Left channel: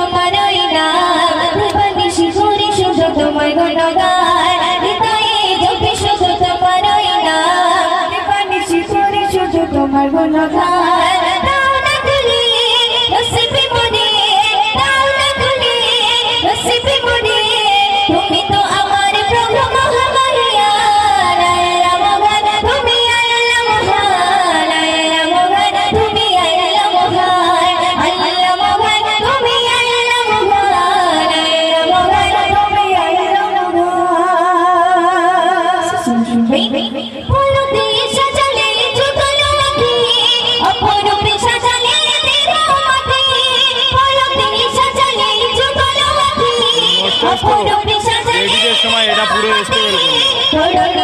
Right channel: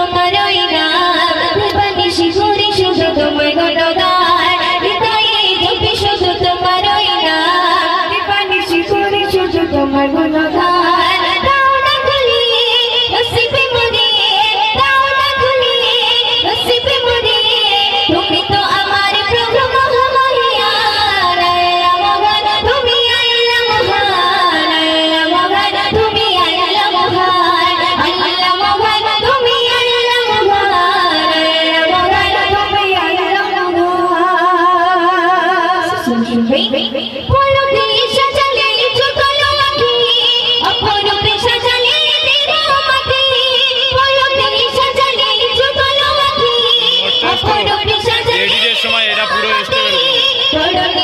তোমারই নাম নিশি করে শুধু তোমার গুণগান হৃদয়ে জপি শুধু তোমারই নাম নিশি করে শুধু তোমার গুণগান দাও না খুলে নসিবে মনে দাও না খুলে নসিবে মনে তুমি তো আমার প্রভু মহামায়ার আল্লাহ মহান তুমি আল্লাহ মহান আল্লাহ মহান তুমি আল্লাহ মহান আল্লাহ মহান তুমি আল্লাহ মহান আল্লাহ মহান তুমি আল্লাহ মহান পরতে সাজালে যুগল আঁখি অপরূপে সাজালে তেরো মাটি পরতে সাজালে যুগল আঁখি অপরূপে সাজালে এডিটের সময় এটা পুরো বুঝতে পারবো।